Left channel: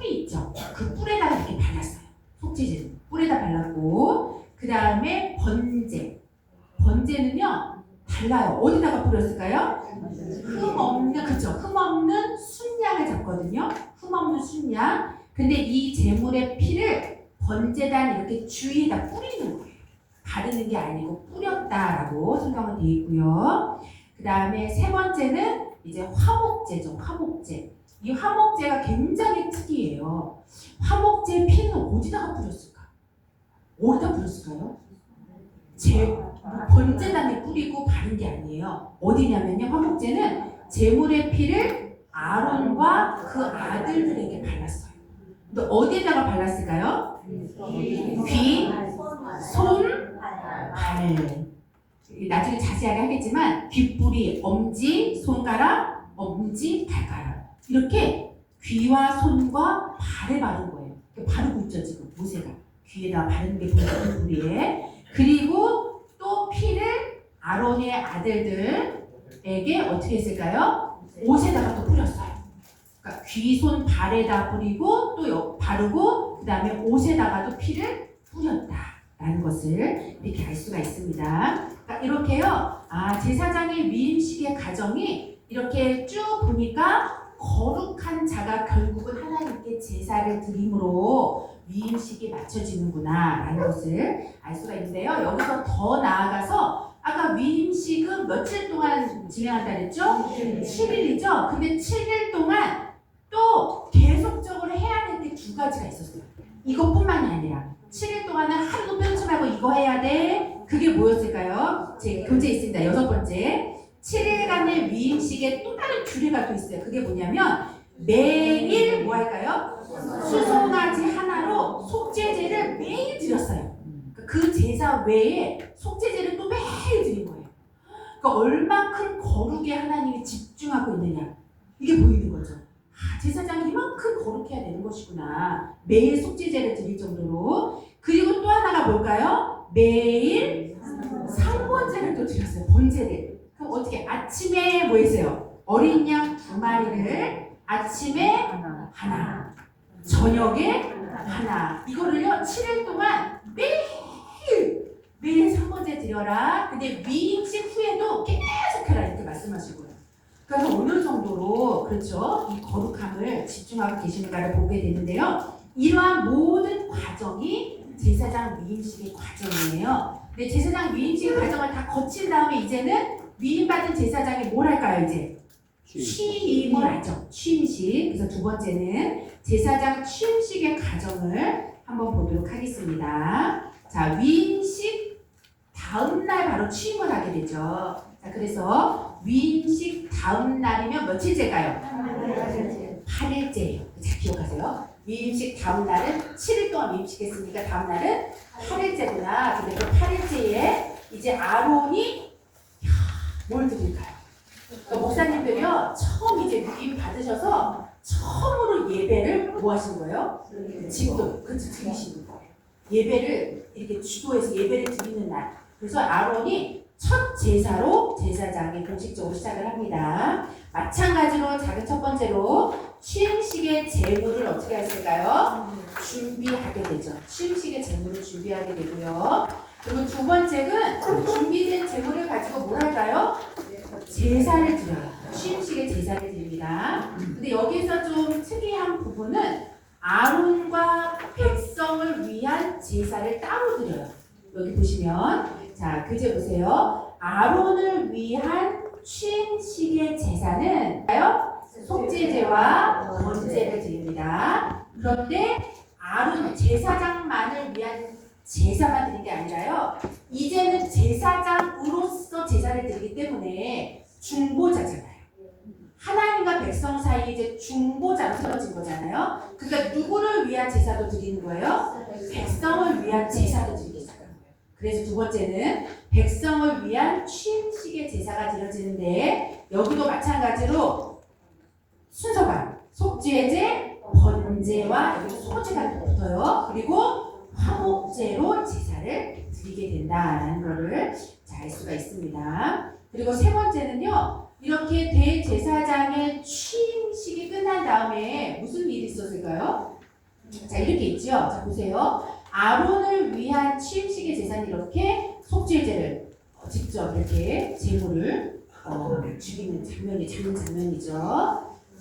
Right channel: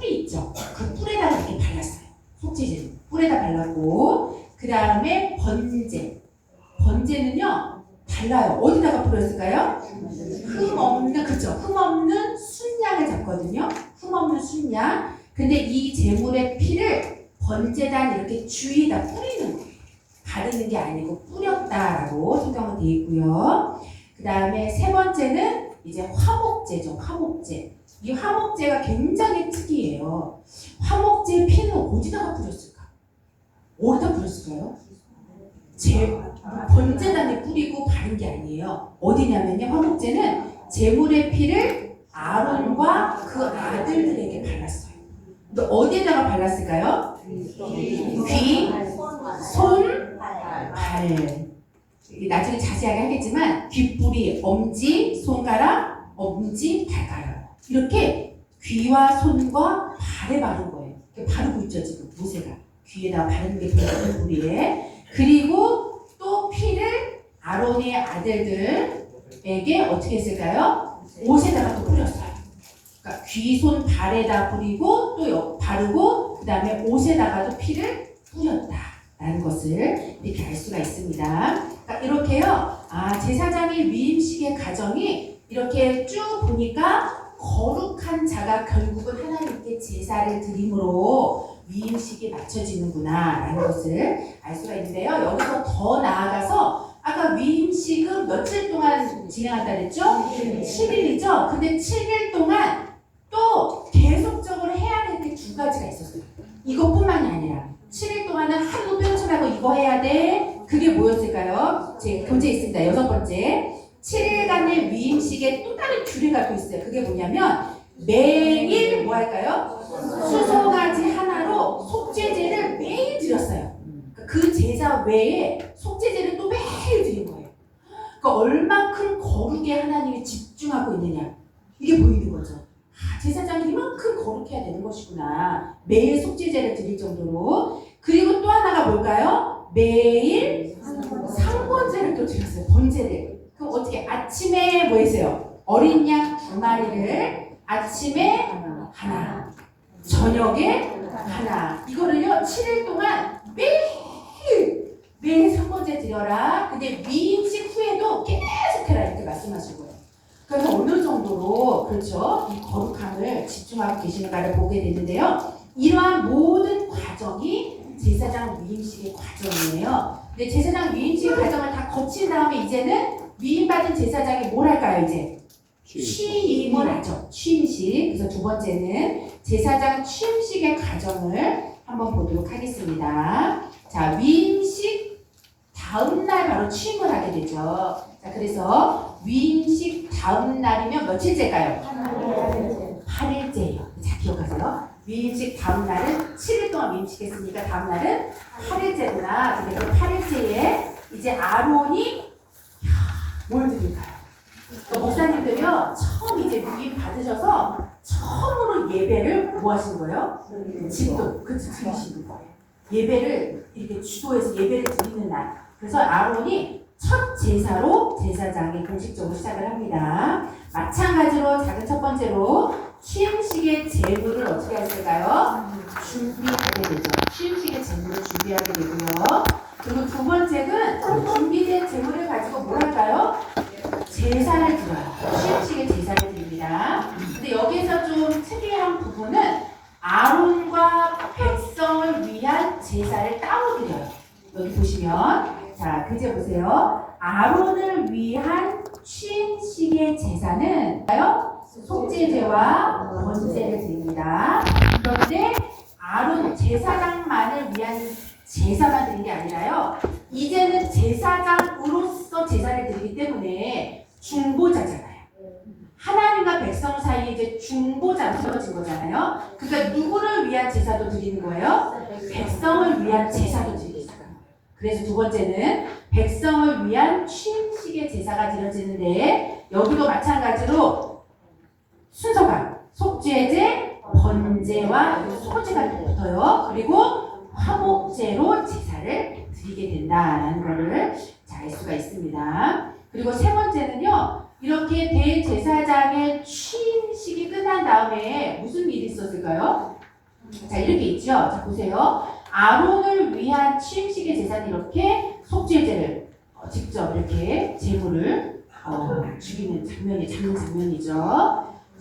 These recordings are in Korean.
뿔이 있죠. 그 뿔에다가 이렇게 발랐어요. 속죄제는 뿔에다 발랐고, 그 다음에 번제는요 달라요. 어디다가 뿌렸을까요? 흠 없는 순양을 잡거든요. 흠 없는 순양. 근데 이 제물의 피를 번제단 이렇게 주위에다 뿌리는 거예요. 바르는 게 아니고 뿌렸다라고 성경은 되어 있고요. 그 다음에 세 번째는 이제 화목제죠. 화목제. 이 화목제가 굉장히 특이해요. 화목제 피는 어디다가 뿌렸을까? 어디다 뿌렸을까요? 번제단에 뿌리고 바른 게 아니에요. 어디냐면요, 화목제는 제물의 피를 아론과 그 아들들에게 발랐어요. 근데 어디에다가 발랐을까요? 귀, 손, 발. 나중에 자세하게 하겠지만 귓불이 엄지, 손가락, 엄지, 발가락. 이렇게 귀와 손과 발에 바른 거예요. 바르고 있죠, 지금 모세가. 귀에다 바르는 게 보여요, 귓불에. 그리고 또 피를 아론의 아들들에게 어떻게 했을까요? 옷에다가 또 뿌렸어요. 그러니까 귀, 손, 발에다 뿌리고 또 바르고 그 다음에 옷에다가도 피를 뿌렸다라는 것을 이렇게 알 수가 있습니다. 그러니까 이렇게요. 제사장의 위임식의 과정이 이렇게 쭉 보니까 거룩한 자가 결국은 하나님께 제사를 드림으로 위임식이 맞춰지는구나 라는 것을 알 수가 있는데요. 여기서 더 나아가서 아까 위임식은 며칠 동안 진행한다 그랬죠? 7일이죠? 근데 7일 동안 또 계속적으로 해야 될 게 두 가지가 있었어요. 이것뿐만이 아니라 7일 동안은 하루도 빼지 말고 이거 해야 돼. 그게 뭐였을까요? 제 교재에 있습니다. 6번째. 7일간의 위임식에 또 다른 규례가 또 있어요. 그게 뭐냐면 매일 뭐 할까요? 수송아지 하나로 속죄제를 매일 드렸어요. 그 제사 외에 속죄제를 또 매일 드린 거예요. 그러니까 얼만큼 거룩에 하나님이 집중하고 있느냐 이게 보이는 거죠. 제사장이 이만큼 거룩해야 되는 것이구나. 매일 속죄제를 드릴 정도로. 그리고 또 하나가 뭘까요? 매일 상번제를 또 드렸어요. 번제를. 그럼 어떻게 아침에 뭐 했어요? 어린 양 2마리를 아침에 하나, 저녁에 하나. 이거를요 7일 동안 매일 상번제 드려라. 근데 위임식 후에도 계속해라 이렇게 말씀하시고요. 그러면 어느 정도로 그렇죠 이 거룩함을 집중하고 계시는가를 보게 되는데요. 이러한 모든 과정이 제사장 위임식의 과정이에요. 근데 제사장 위임식의 과정을 다 거친 다음에 이제는 위임받은 제사장이 뭘 할까요? 이제 취임을 하죠. 취임식. 그래서 두 번째는 제사장 취임식의 과정을 한번 보도록 하겠습니다. 자, 위임식 다음 날 바로 취임을 하게 되죠. 자, 그래서 위임식 다음 날이면 며칠째일까요? 8일째예요. 잘 기억하세요. 위임식 다음 날은 7일 동안 위임식했으니까 다음 날은 8일째구나. 근데 그 8일째에 이제 아론이 뭘 드릴까요? 그러니까 목사님들이요 처음 이제 위임 받으셔서 처음으로 예배를 뭐 하신 거예요? 집도 드리시는 거예요. 예배를 이렇게 주도해서 예배를 드리는 날. 그래서 아론이 첫 제사로 제사장이 공식적으로 시작을 합니다. 마찬가지로 작은 첫 번째로 취임식의 제물을 어떻게 하실까요? 준비하게 되죠. 취임식의 제물을 준비하게 되고요. 그리고 두 번째는 준비된 제물을 가지고 뭘 할까요? 제사를 드려요. 취임식의 제사를 드립니다. 근데 여기서 좀 특이한 부분은 아론과 백성을 위한 제사를 따로 드려요. 여기 보시면 자, 교재 보세요. 아론을 위한 취임식의 제사는 속죄제와 번제를 드립니다. 그런데 아론 제사장만을 위한 제사만 드린 게 아니라요. 이제는 제사장으로서 제사를 드리기 때문에 중보자잖아요. 하나님과 백성 사이에 이제 중보자가 세워진 거잖아요. 그러니까 누구를 위한 제사도 드리는 거예요? 백성을 위한 제사도 드리는 거예요. 그래서 두 번째는 백성을 위한 취임식의 제사가 드려지는데 여기도 마찬가지로 순서가 속죄제, 번제와 소제가 붙어요. 그리고 화목제로 제사를 드리게 된다라는 것을 알 수가 있습니다. 그리고 세 번째는요. 이렇게 대제사장의 취임식 취임식이 끝난 다음에 무슨 일이 있었을까요? 자, 이렇게 있죠. 자, 보세요. 아론을 위한 취임식의 제사는 이렇게 속죄제를 직접 이렇게 제물을 죽이는 장면이죠.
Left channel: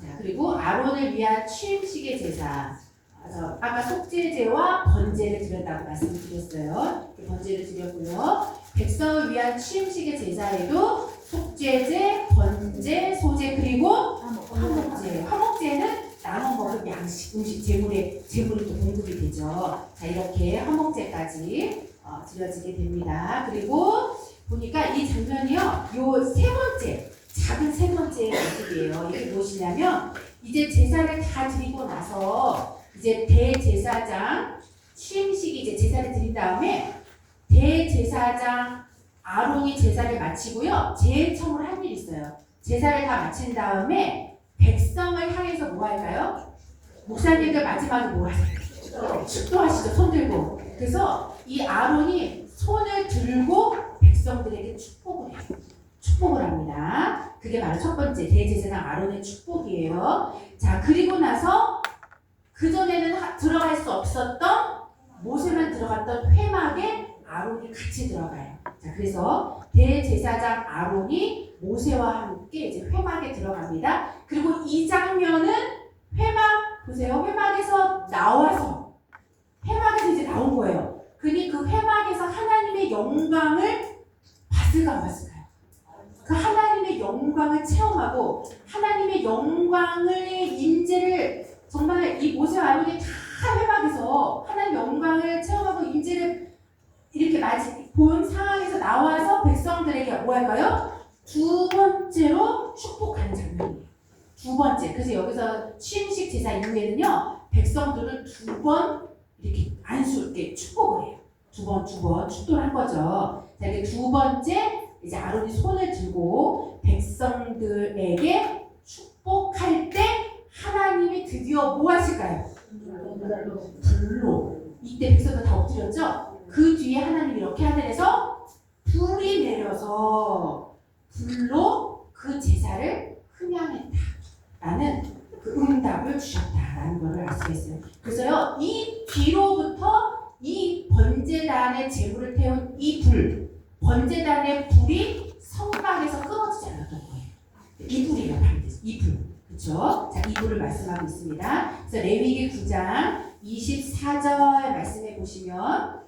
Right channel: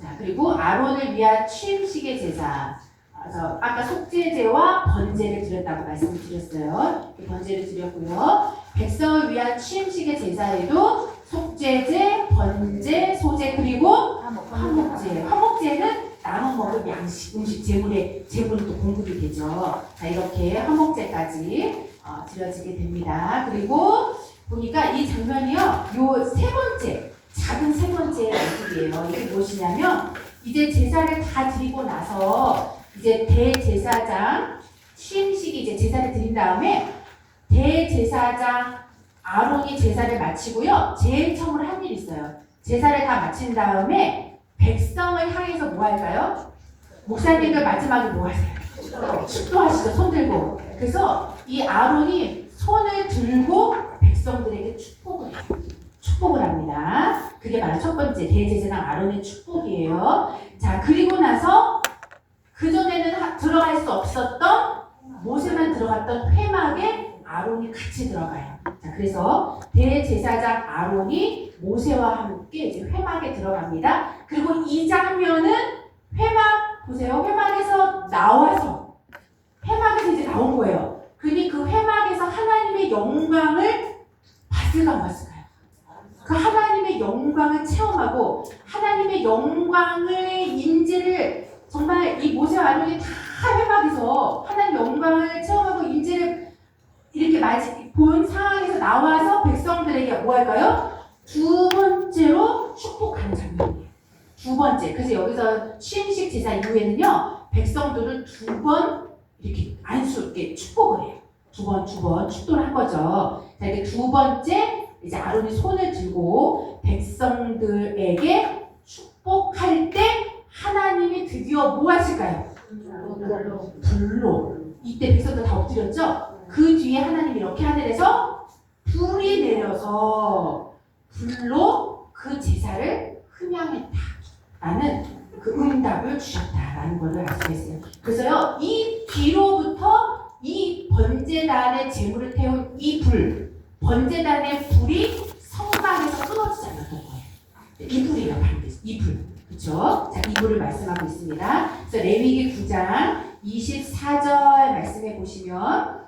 자, 그리고 아론을 위한 취임식의 제사. 아까 속죄제와 번제를 드렸다고 말씀을 드렸어요. 번제를 드렸고요. 백성을 위한 취임식의 제사에도 속죄제, 번제, 소제 그리고 화목제. 화목제는 남은 먹을 양식, 음식, 제물이 또 공급이 되죠. 자, 이렇게 화목제까지 드려지게 됩니다. 그리고 보니까 이 장면이요, 요 세 번째, 작은 세 번째 모습이에요. 이게 무엇이냐면, 이제 제사를 다 드리고 나서, 이제 대제사장 취임식이 이제 제사를 드린 다음에, 대제사장 아론이 제사를 마치고요, 제일 처음으로 한 일이 있어요. 제사를 다 마친 다음에, 백성을 향해서 뭐 할까요? 목사님들 마지막에 뭐 하세요? 축도하시죠, 손 들고. 그래서 이 아론이 손을 들고 백성들에게 축복을 합니다. 그게 바로 첫 번째 대제사장 아론의 축복이에요. 자, 그리고 나서 그전에는 들어갈 수 없었던 모세만 들어갔던 회막에 아론이 같이 들어가요. 자, 그래서 대제사장 아론이 모세와 함께 이제 회막에 들어갑니다. 그리고 이 장면은 회막 보세요. 회막에서 나와서 회막에서 이제 나온 거예요. 그러니 그 회막에서 하나님의 영광을 봤을까 봤을까요? 그 하나님의 영광을 체험하고 하나님의 영광의 임재를 정말 이 모세와 아론이 다 회막에서 하나님 영광을 체험하고 임재를 이렇게 본 상황에서 나와서 백성들에게 뭐 할까요? 두 번째로 축복하는 장면이에요. 두 번째. 그래서 여기서 취임식 제사 이후에는요, 백성들을 두 번 이렇게 안수롭게 축복을 해요. 두 번 축도를 한 거죠. 자, 이렇게 두 번째, 이제 아론이 손을 들고 백성들에게 축복할 때 하나님이 드디어 뭐 하실까요? 불로. 이때 백성들 다 엎드렸죠? 그 뒤에 하나님이 이렇게 하늘에서 불이 내려서 불로 그 제사를 흠양했다라는 그 응답을 주셨다라는 것을 알 수가 있어요. 그래서요, 이 뒤로부터 이 번제단의 제물을 태운 이 불, 번제단의 불이 성막에서 끊어지지 않았던 거예요. 이 불이에요, 반드시. 이 불. 그렇죠? 자, 이 불을 말씀하고 있습니다. 그래서 레위기 9장 24절 말씀해 보시면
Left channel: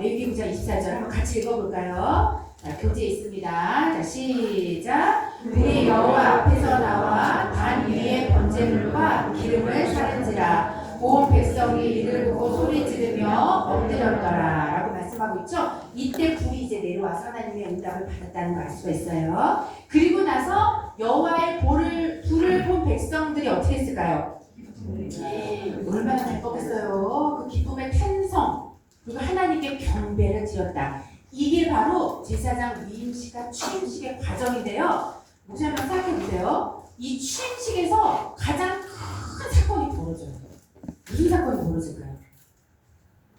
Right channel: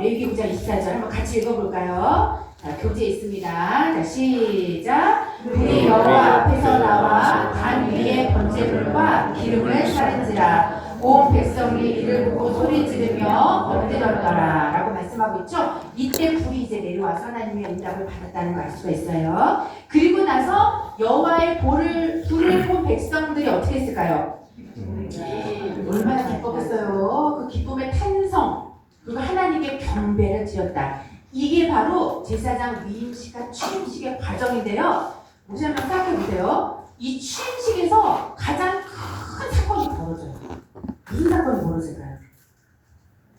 레위기 9장 24절 한번 같이 읽어볼까요? 자, 교재 있습니다. 자, 시작. 그의 여호와 앞에서 나와 단 위에 번제물과 기름을 사른지라 온 백성이 이를 보고 소리 지르며 엎드렸더라 라고 말씀하고 있죠. 이때 불이 이제 내려와서 하나님의 응답을 받았다는 걸 알 수가 있어요. 그리고 나서 여호와의 불을 본 백성들이 어떻게 했을까요? 얼마나 기뻤겠어요. 그 기쁨의 탄성, 그리고 하나님께 경배를 드렸다. 이게 바로 제사장 위임식과 취임식의 과정인데요. 혹시 한번 생각해 보세요. 이 취임식에서 가장 큰 사건이 벌어져요. 무슨 사건이 벌어질까요?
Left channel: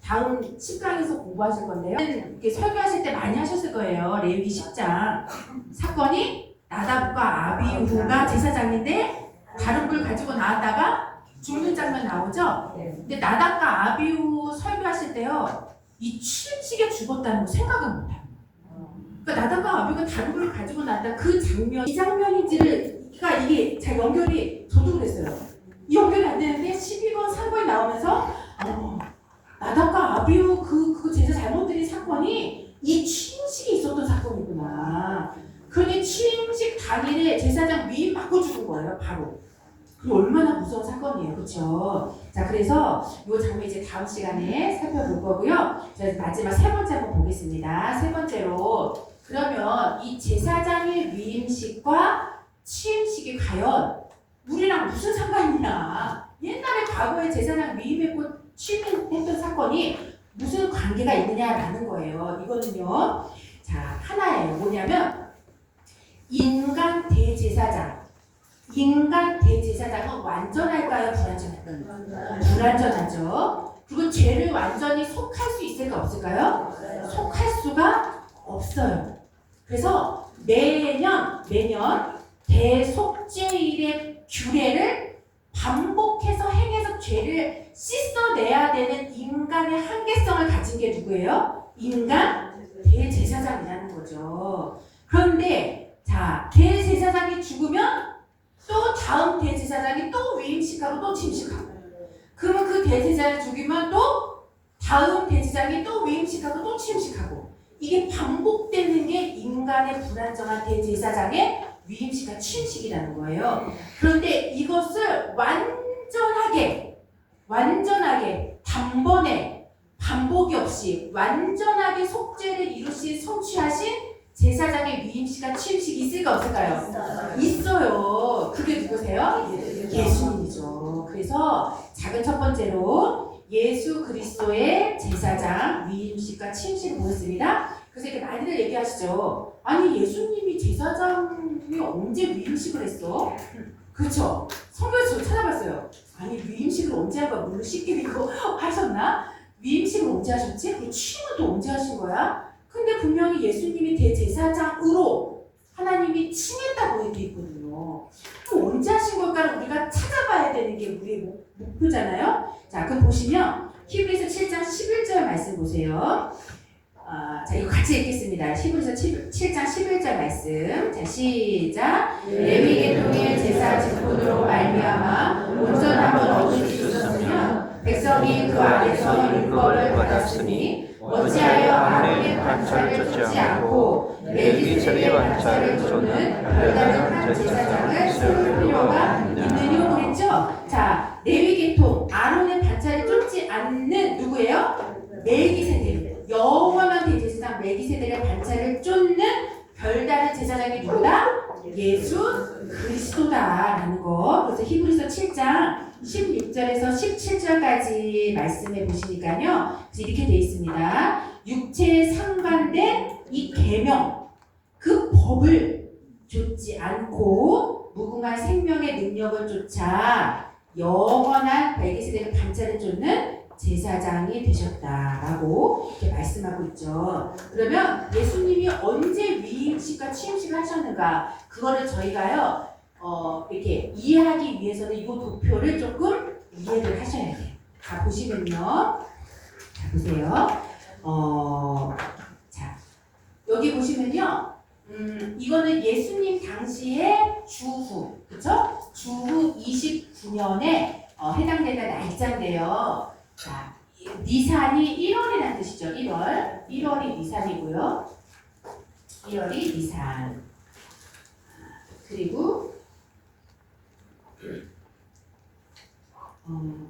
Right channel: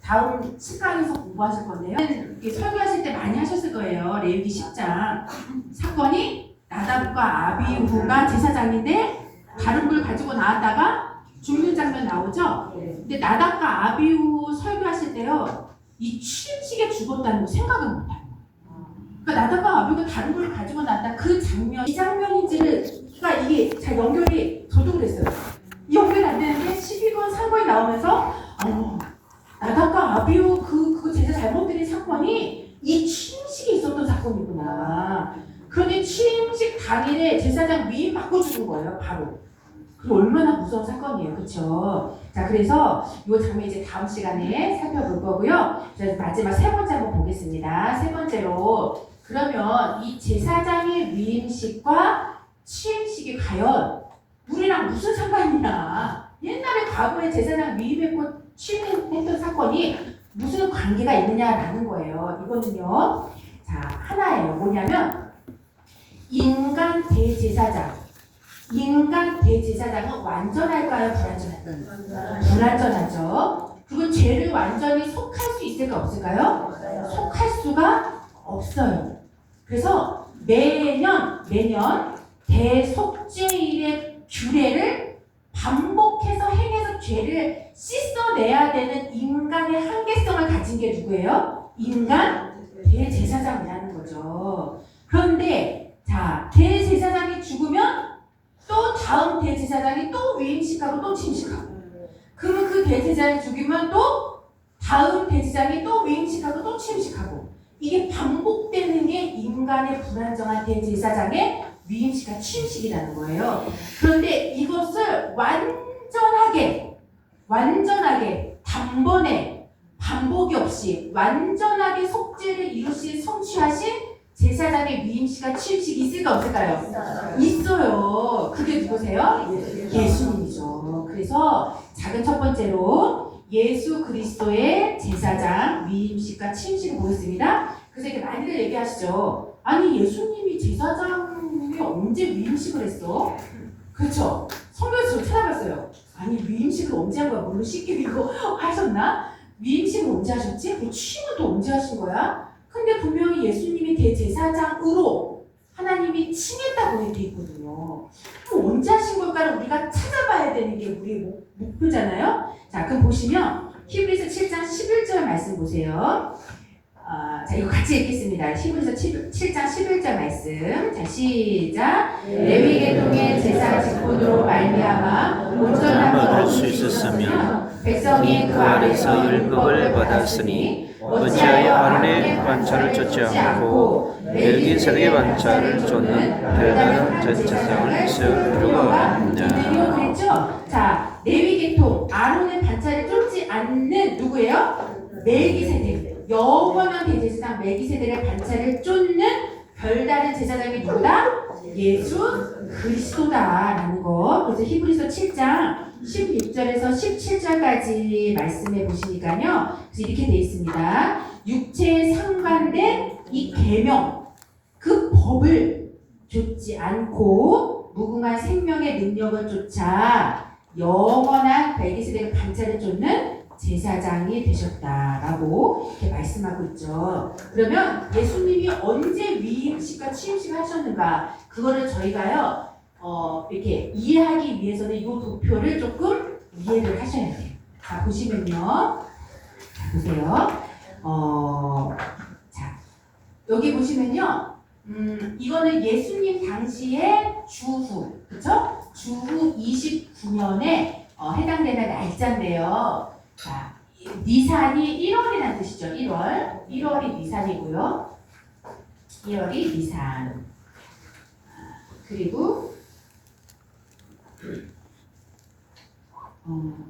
다음 10강에서 공부하실 건데요. 이렇게 설교하실 때 많이 하셨을 거예요. 레위기 10장. 사건이 나답과 아비후가 제사장인데 다른 불 가지고 나왔다가 죽는 장면 나오죠? 근데 나답과 아비후 설교하실 때요. 이 취임식에 죽었다는 거 생각을 못하는 거예요. 그러니까 나답과 아비후가 다른 불 가지고 나왔다 그 장면, 이 장면인지를 그러니까 이게 잘 연결이 저도 그랬어요. 이 연결이 안 되는데 12번 사건이 나오면서 나답과 아비후 그거 제사 잘못 드린 사건이 이 취임식에 있었던 사건이구나. 그러니 취임식 당일에 제사장 위임 받고 죽은 거예요, 바로. 그 얼마나 무서운 사건이에요, 그렇죠? 자, 그래서 이 장면 이제 다음 시간에 살펴볼 거고요. 마지막 세 번째 한번 보겠습니다. 세 번째로 그러면 이 제사장의 위임식과 취임식이 과연 우리랑 무슨 상관이냐? 옛날에 과거에 제사장 위임했고 취임했던 사건이 무슨 관계가 있느냐라는 거예요. 이거는요, 자, 하나예요. 뭐냐면 인간 대제사장은 완전할까요? 불완전할까요? 불완전하죠. 그리고 죄를 완전히 속할 수 있을까 없을까요? 속할 수가 없어요. 그래서 매년 대속죄일에 규례를 반복해서 행해서 죄를 씻어내야 되는 인간의 한계성을 가진 게 누구예요? 인간 대제사장이라는 거죠. 그런데 자, 대제사장이 죽으면 또 다음 대제사장이 또 위임식하고 또 침식하고, 그러면 그 대제사장이 죽으면 또 다음 대제사장이 또 위임식하고 또 침식하고, 이게 반복되는 게 인간의 불안정한 대제사장의 위임식과 침식이라는 거예요. 그런데 이것을 완전하게 단번에 반복이 없이 완전하게 속죄를 이루신 성취하신 제사장의 위임식과 침식이 있을까 없을까요? 있어요. 그게 누구세요? 예수님이죠. 그래서 작은 첫 번째로 예수 그리스도의 제사장 위임식과 침식을 보였습니다. 그래서 이렇게 많이들 얘기하시죠. 아니 예수님이 제사장이 언제 위임식을 했어? 그렇죠? 성경에서 저 찾아봤어요. 아니 위임식을 언제 한 거야? 물로 씻기고 이거 하셨나? 위임식을 언제 하셨지? 그 취임은 또 언제 하신 거야? 근데 분명히 예수님이 대제사장으로 하나님이 칭했다고 돼 있거든요. 그럼 언제 하신 걸까를 우리가 찾아봐야 되는 게 우리의 목표잖아요. 자, 그럼 보시면 히브리서 7장 11절 말씀 보세요. 자, 이거 같이 읽겠습니다. 히브리서 7장 11절 말씀. 자, 시작. 레위 계통의 제사 직분으로 말미암아 온전함을 얻을 수 있었으며 백성이 그 안에서 율법을 받았으니 어찌하여 아론의 반차를 쫓지 않고 멜기세덱의 반차를 쫓는 별다른 제사장을 세울 필요가 있느냐. 그랬죠? 자, 레위 계통 아론의 반차를 쫓지 않는 누구예요? 멜기세덱. 영원한 대제사장 멜기세덱의 반차를 쫓는 별다른 제사장이 누구다? 예수 그리스도다라는 거. 그래서 히브리서 7장 16절에서 17절까지 말씀해 보시니까요. 이렇게 돼 있습니다. 육체에 상관된 이 계명, 그 법을 좇지 않고 무궁한 생명의 능력을 쫓아 영원한 멜기세덱의 반차를 쫓는 제사장이 되셨다라고 이렇게 말씀하고 있죠. 그러면 예수님이 언제 위임식과 취임식을 하셨는가? 그거를 저희가요 이렇게 이해하기 위해서는 이 도표를 조금 이해를 하셔야 돼요. 자, 보시면요. 자, 보세요. 자, 여기 보시면요. 이거는 예수님 당시의 주후, 그쵸? 주후 29년에 해당되는 날짜인데요. 자, 니산이 1월이라는 뜻이죠. 1월이 니산이고요. 1월이 니산. 그리고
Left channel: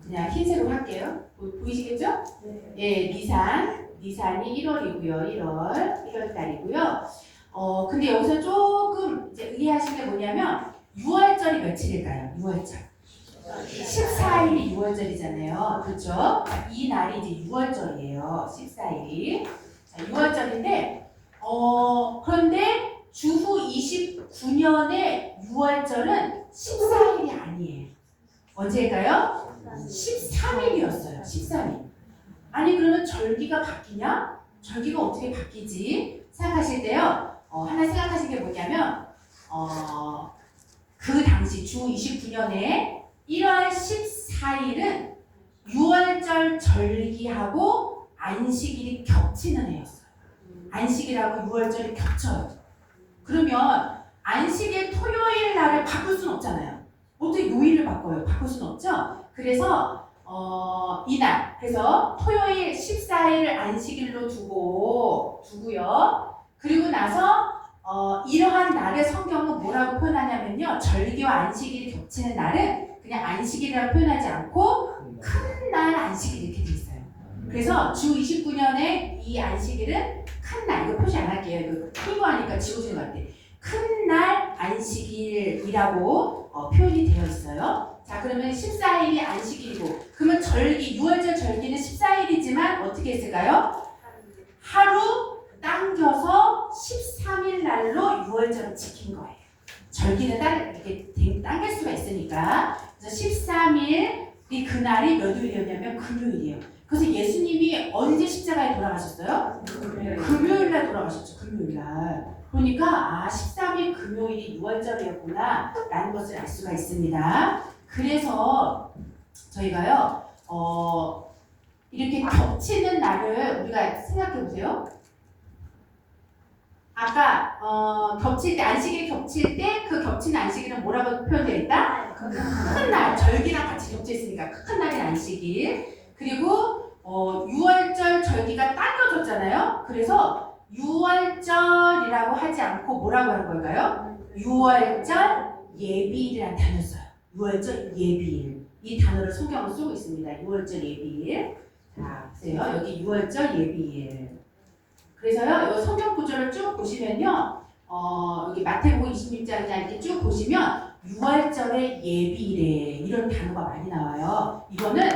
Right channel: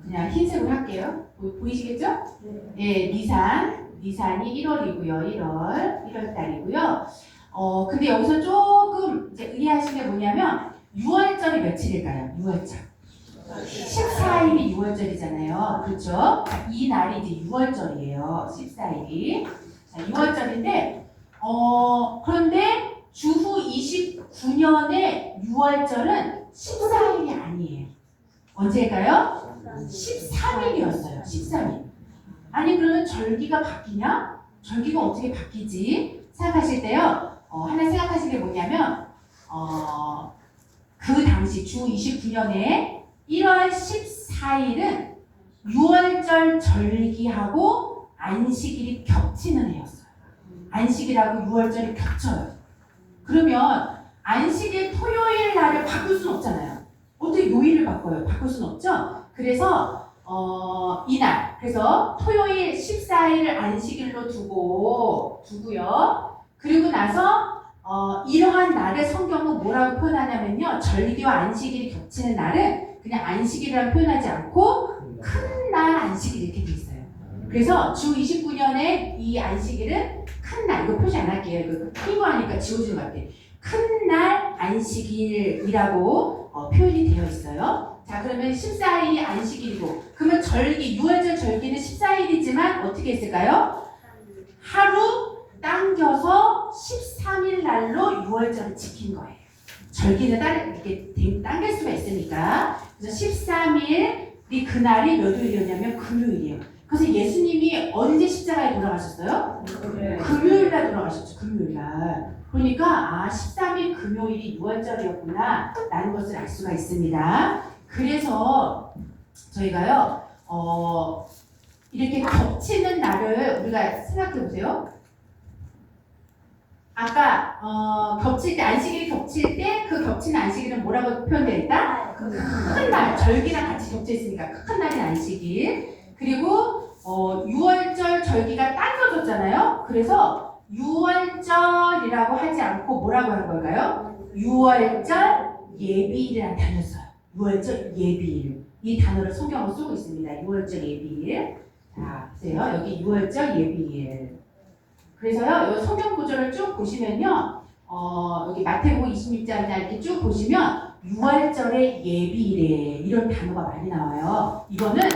그냥 흰색으로 할게요. 보이시겠죠? 네, 니산이 1월이고요. 1월 달이고요. 근데 여기서 조금 이제 의아하신 게 뭐냐면 6월절이 며칠일까요? 6월절. 14일이 6월절이잖아요. 그렇죠? 이 날이 이제 6월절이에요. 14일이. 자, 6월절인데, 그런데 주후 29년의 6월절은 14일이 아니에요. 언제일까요? 13일이었어요. 13일. 아니, 그러면 절기가 바뀌냐? 절기가 어떻게 바뀌지? 생각하실 때요. 하나 생각하신 게 뭐냐면, 그 당시 주 29년에 1월 14일은 6월절 절기하고 안식일이 겹치는 해였어요. 안식일하고 6월절이 겹쳐요. 그러면 안식일 토요일 날을 바꿀 수는 없잖아요. 어떻게 요일을 바꿔요? 바꿀 수는 없죠? 그래서 이날, 그래서 토요일 14일을 안식일로 두고요. 그리고 나서 이러한 날을 성경은 뭐라고 표현하냐면요. 절기와 안식일이 겹치는 날은 그냥 안식일이라고 표현하지 않고 큰 날 안식일 이렇게 돼 있어요. 그래서 주 29년에 이 안식일은 큰 날, 이거 표시 안 할게요. 이거 피부하니까 지워지는 것 같아요. 큰 날 안식일이라고 표현이 되어 있어요. 자, 그러면 14일이 안식일이고, 그러면 절기, 6월절 절기는 14일이지만 어떻게 했을까요? 하루 당겨서 13일 날로 6월절을 지킨 거예요. 절기는 이렇게 당길 수가 있으니까. 그래서 13일이 그날이 몇 요일이었냐면 금요일이에요. 그래서 예수님이 언제 십자가에 돌아가셨어요? 금요일 날 돌아가셨죠. 금요일 날. 보니까 13일 금요일이 6월절이었구나 라는 것을 알 수가 있습니다. 그래서 저희가요 이렇게 겹치는 날을 우리가 생각해 보세요. 아까 겹칠 때 안식일이 겹칠 때 그 겹치는 안식일은 뭐라고 표현되어 있다? 큰 날, 절기랑 같이 겹쳐 있으니까 큰 날인 안식일. 그리고 6월절 절기가 당겨졌잖아요. 그래서 6월절이라고 하지 않고 뭐라고 한 걸까요? 6월절 예비일이라는 단어를 써요. 6월절 예비일. 이 단어를 성경으로 쓰고 있습니다. 6월절 예비일. 자, 보세요. 여기 6월절 예비일. 그래서요, 이 성경 구절을 쭉 보시면요, 여기 마태복음 26장이나 이렇게 쭉 보시면 6월절의 예비일에 이런 단어가 많이 나와요. 이거는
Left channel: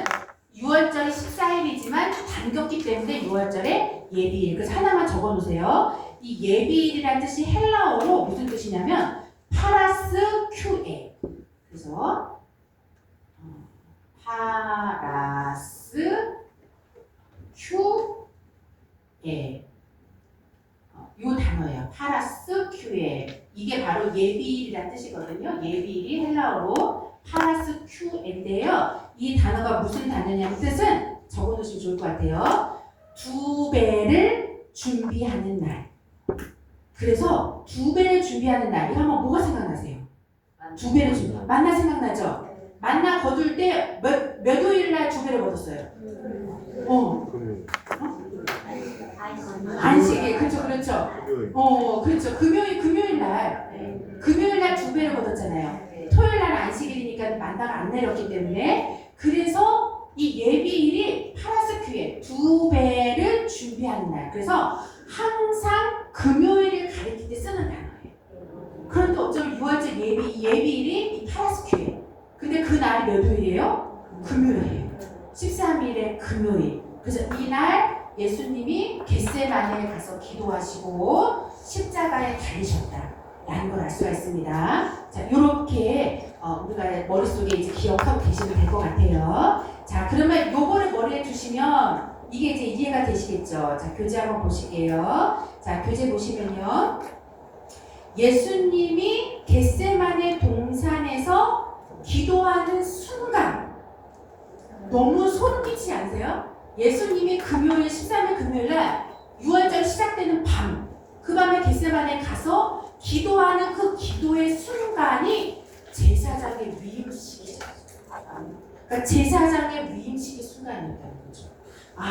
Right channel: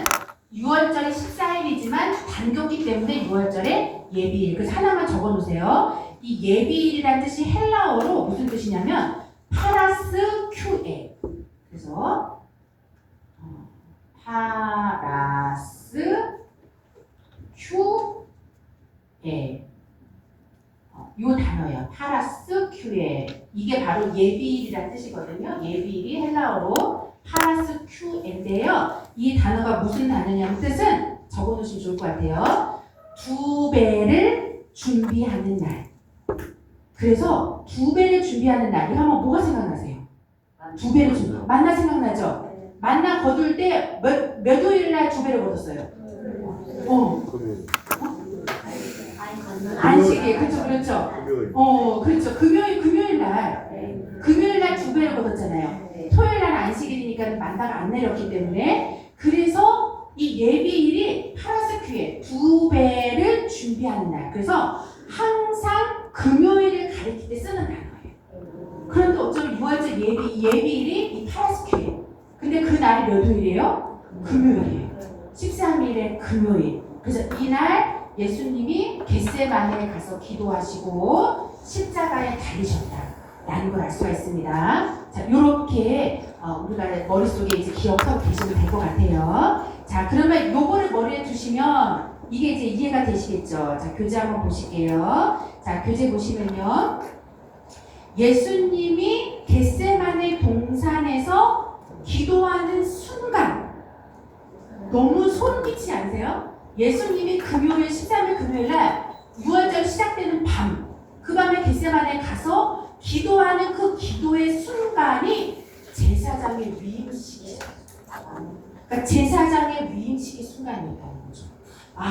6월절이 14일이지만 당겼기 때문에 6월절의 예비일. 그래서 하나만 적어 놓으세요. 이 예비일이라는 뜻이 헬라어로 무슨 뜻이냐면 파라스 큐에. 그래서 파라스 큐에. 요 단어예요. 파라스 큐에. 이게 바로 예비일이라는 뜻이거든요. 예비일이 헬라어로 파라스 큐에인데요. 이 단어가 무슨 단어냐면 뜻은 적어놓으시면 좋을 것 같아요. 2배를 준비하는 날. 그래서 2배를 준비하는 날. 이거 하면 뭐가 생각나세요? 2배를 준비. 만나 생각나죠? 만나 거둘 때 몇 요일 날 2배를 거뒀어요? 안식일, 그렇죠. 그렇죠. 금요일 날 2배를 거뒀잖아요. 토요일 날 안식일이니까 만나가 안 내렸기 때문에. 그래서 이 예비일이 파라스큐에 2배를 준비하는 날. 그래서 항상 금요일을 가리킬 때 쓰는 단어예요. 그런데 어쩌면 6월절 예비일이 이 파라스큐에. 근데 그 날이 몇 요일이에요? 금요일이에요. 13일의 금요일. 그래서 이날 예수님이 겟세마네에 가서 기도하시고 십자가에 달리셨다라는 걸 알 수가 있습니다. 자, 이렇게 우리가 머릿속에 이제 기억하고 계시면 될 것 같아요. 자, 그러면 요거를 머리에 두시면 이게 이제 이해가 되시겠죠? 자, 교재 한번 보실게요. 자, 교재 보시면요. 예수님이 겟세마네 동산에서 기도하는 순간 너무 소름 끼치지 않으세요? 예수님이 금요일 13일 금요일날 6월절 시작되는 밤, 그 밤에 겟세마네에 가서 기도하는 그 기도의 순간이 제사장의 위임식이에요. 그러니까 제사장의 위임식의 순간이었다는 거죠.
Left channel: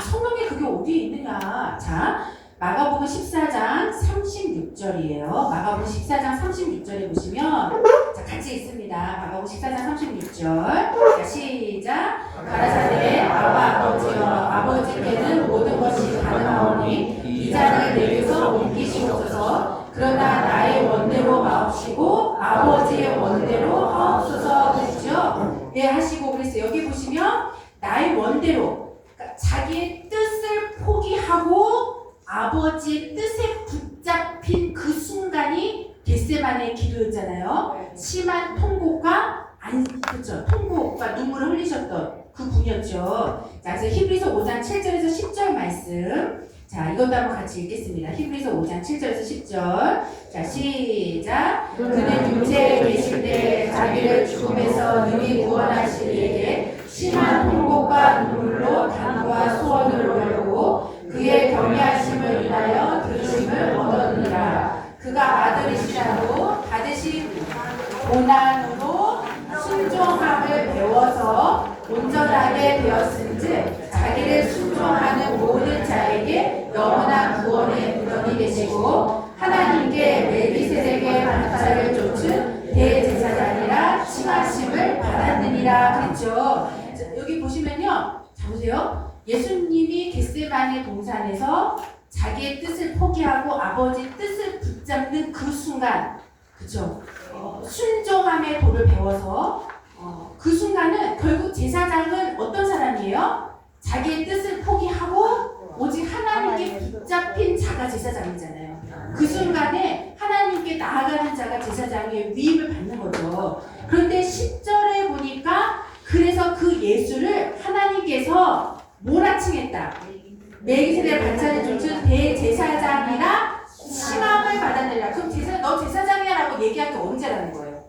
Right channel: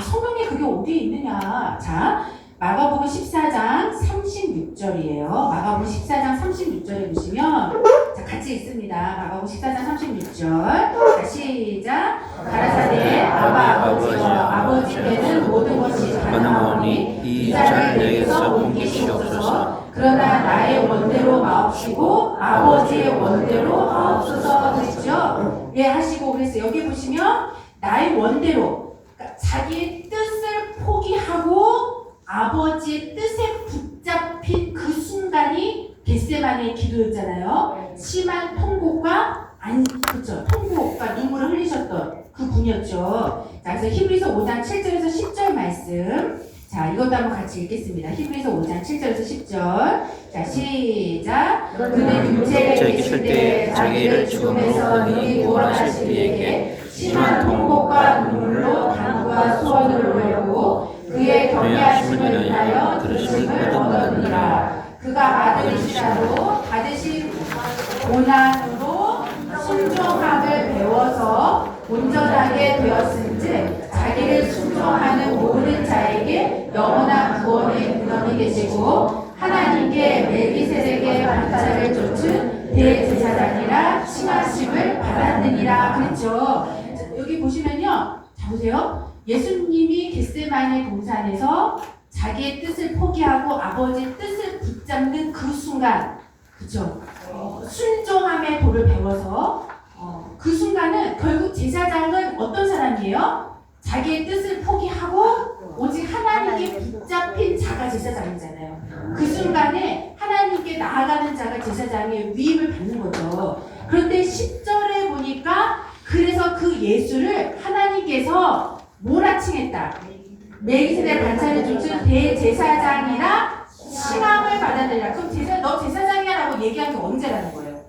성경에 그게 어디에 있느냐? 자, 마가복음 14장 36절이에요. 마가복음 14장 36절에 보시면 자, 같이 있습니다. 마가복음 14장 36절. 자, 시작. 가라사대 아버지여 아버지께는 모든 것이 가능하오니 이 자를 내게서 옮기시옵소서. 그러나 나의 원대로 마옵시고 아버지의 원대로 하옵소서 하시죠. 예, 하시고 그랬어요. 여기 보시면 나의 원대로, 그러니까 자기의 뜻을 포기하고 아버지의 뜻에 붙잡힌 그 순간이 겟세마네의 기도였잖아요. 심한 통곡과 그렇죠. 통곡과 눈물을 흘리셨던 그 분이었죠. 자, 그래서 히브리서 5장 7절에서 10절 말씀. 자, 이것도 한번 같이 읽겠습니다. 히브리서 5장 7절에서 10절. 자, 시작. 그는 육체에 계실 때 자기를 죽음에서 능히 구원하시기 위해 심한 통곡과 눈물로 간구와 소원을 올렸고 그의 경외하심을 인하여 들으심을 얻었느니라. 그가 아들이시라도 받으신 고난으로 순종함을 배워서 온전하게 되었은즉 자기를 순종하는 모든 자에게 영원한 구원의 근원이 되시고 하나님께 멜기세덱의 반차를 좇은 대제사장이라 칭하심을 받았느니라. 그랬죠. 여기 보시면요. 자, 보세요. 예수님이 겟세마네 동산에서 자기의 뜻을 포기하고 아버지의 뜻을 붙잡는 그 순간, 그죠? 순종함의 도를 배워서 그 순간은 결국 제사장은 어떤 사람이에요? 자기의 뜻을 포기하고 오직 하나님께 붙잡힌 자가 제사장이잖아요. 그 순간에 하나님께 나아가는 자가 제사장의 위임을 받는 거죠. 그런데 10절에 보니까 그래서 그 예수를 하나님께서 뭐라 칭했다? 멜기세덱 반차를 좇은 대제사장이라 칭함을 받아들이라. 그럼 너 제사장이야라고 얘기한 게 언제라는 거예요?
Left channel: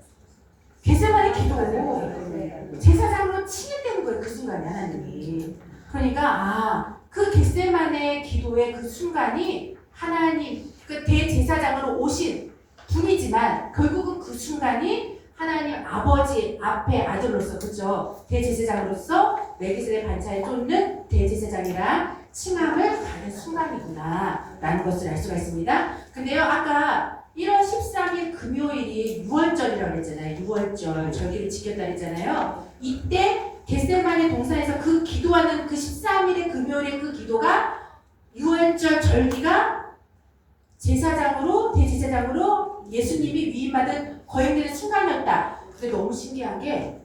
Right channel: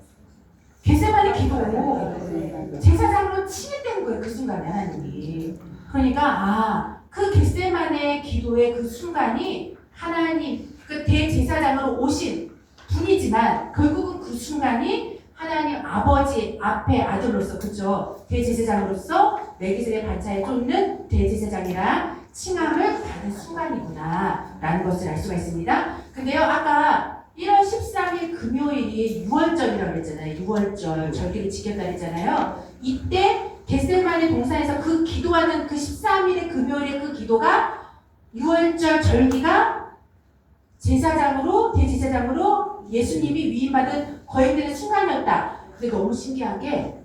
겟세마네 기도로 제사장으로 칭했다는 거예요. 그 순간에 하나님이. 그러니까 그 겟세마네 기도의 그 순간이 하나님 그 대제사장으로 오신 분이지만 결국은 그 순간이 하나님 아버지 앞에 아들로서 그죠? 대제사장으로서 멜기세덱 반차에 쫓는 대제사장이랑 칭함을 받은 순간이구나 라는 것을 알 수가 있습니다. 근데요 아까 1월 13일 금요일이 6월절이라고 했잖아요. 6월절 절기를 지켰다 했잖아요. 이때 겟세마네 동산에서 그 기도하는 그 13일의 금요일의 그 기도가 6월절 절기가 제사장으로 대제사장으로 예수님이 위임받은 거행되는 순간이었다. 근데 너무 신기한 게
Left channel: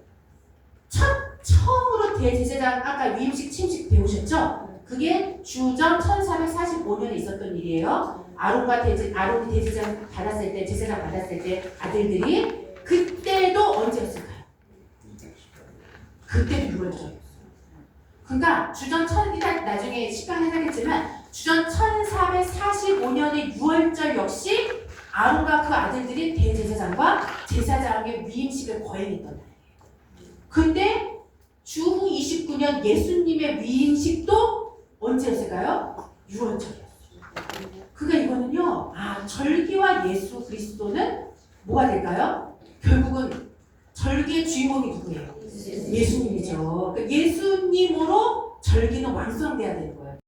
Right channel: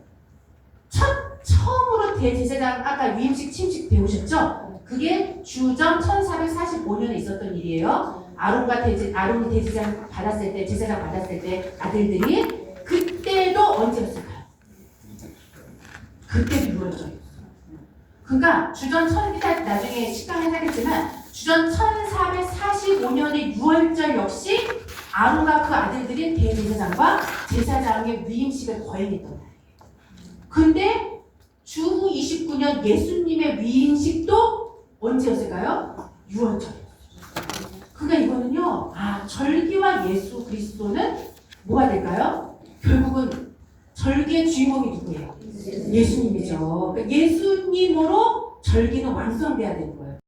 처음으로 대제사장 아까 위임식 침식 배우셨죠? 그게 주전 1445년에 있었던 일이에요. 아론이 대제사장 받았을 때 제사장 받았을 때 아들들이 그때도 언제였을까요? 그때도 6월절이었어요. 그러니까 주전 나중에 시간 해야겠지만 주전 1445년의 6월절 역시 아론과 그 아들들이 대제사장과 제사장의 위임식을 거행했던 날이에요. 근데 주후 29년 예수님의 위임식도 언제였을까요? 6월절이었어요. 그러니까 이거는요, 절기와 예수 그리스도는 뭐가 될까요? 결국은 절기의 주인공이 누구예요? 예수님이죠. 그러니까 예수님으로 절기는 완성돼야 되는 거예요.